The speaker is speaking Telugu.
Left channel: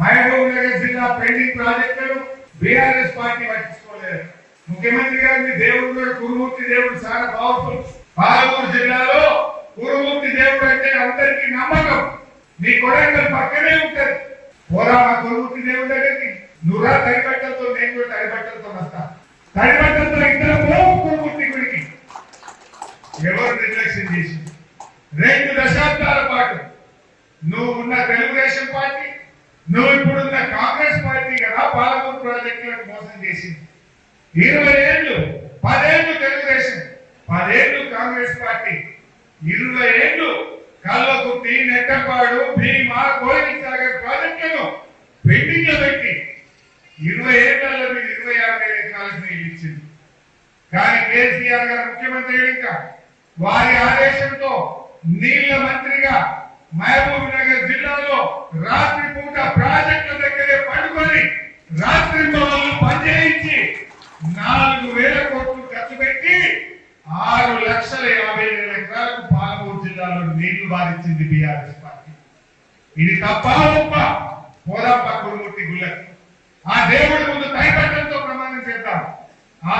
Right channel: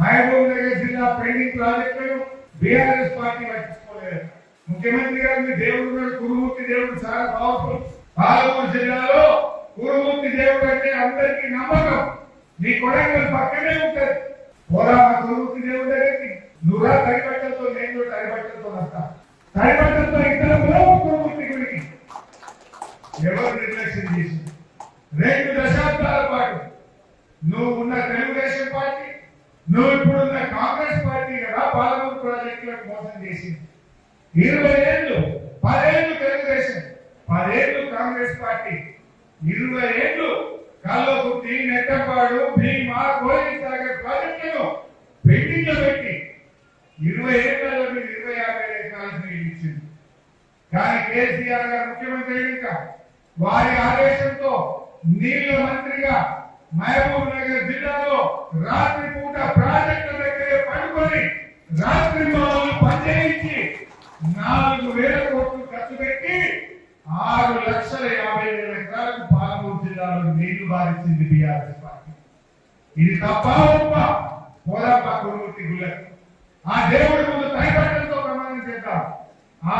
మహబూబ్ నగర్ జిల్లా పెండింగ్ ప్రాజెక్టులను బీఆర్ఎస్ పార్టీ పట్టించుకోలేదు. ముఖ్యమంత్రి గారిని దేవుడు కురుమూర్తి దేవుడు చాలా పవర్ఫుల్. పాలమూరు జిల్లాలో కురుమూర్తి దేవుడు అంటే అందరికీ నమ్మకం. నీ కొడంగల్ పక్కనే ఉంటది. పోరా కురుమూర్తి దేవుడు దగ్గరికి నువ్వురా తడిబట్టలతో, నేను కూడా తడిబట్టలతో వస్తా. తడిబట్టలతో ఇద్దరు పోవు కురుమూర్తి గుడికి. ఎవరు నిర్లక్ష్యం చేసి 2 దశాబ్దాల పాటు నువ్వు ఉన్న తెలుగుదేశం పార్టీ, నువ్వు ఇప్పుడున్న కాంగ్రెస్ పార్టీ కదా పాలమూరు ప్రాజెక్టులకు మోసం చేసింది. 20 ఏళ్ళు, 10 ఏళ్ళు తెలుగుదేశం, 10 ఏళ్ళు కాంగ్రెస్ పార్టీ, 20 ఏళ్ళు కల్లకుర్తి, నెట్టపాడు, భీమా, గోవిందసాగర్ ప్రాజెక్టులను పెండింగ్ లో పెట్టి 20 ఏళ్లలో మీరు 26,000 ఎకరాలకు నీళ్ళు ఇచ్చింది. కానీ కేసీఆర్ గారు ముఖ్యమంత్రి ఇంకా వారి ఆదేశంతో నీళ్ల మంత్రిగా మహబూబ్ నగర్ జిల్లాలో రాత్రి పూట ప్రాజెక్టుల దగ్గరే పడుకొని రాత్రి పనిచేయించి 4,000 కోట్లు ఖర్చు పెట్టి 6,50,000 ఎకరాలకు పాలమూరు జిల్లాలో నీళ్లు బాధించింది బీఆర్ఎస్ పార్టీ. ఇది తప్ప గొప్ప పోదాపా కురుమూర్తి గుళ్ళకి. ఆ దేవుడి ముందు కైపట్టంతో ప్రమాణం చేద్దాం.